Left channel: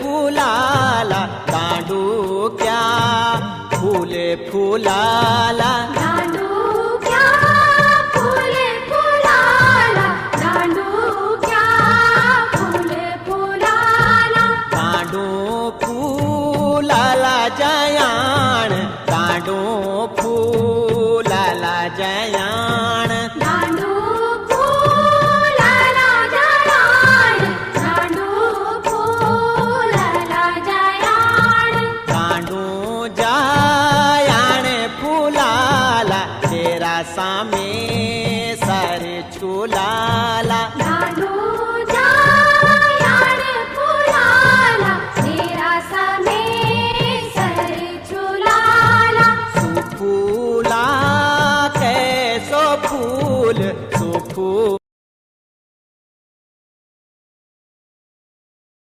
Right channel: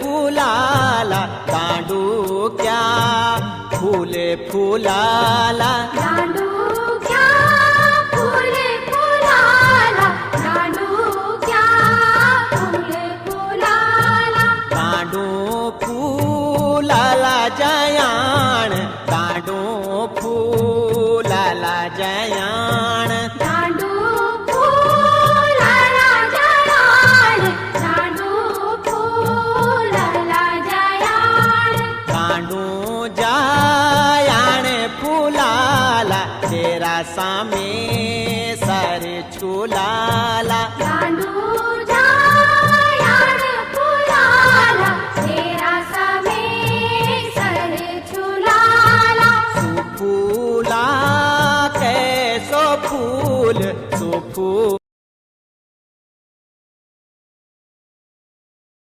फुलाला दांडुक्या, फुले फुलाला दांडुक्या, फुले फुलाला दांडुक्या, फुले फुलाला दांडू फुलाला जयाण, दांडू फुलाला जयाण, दांडू फुलाला जयाण, दांडू फुलाला जयाण, दांडू जयाण फुलाला तेरा सामे सारे झुलाला, दांडू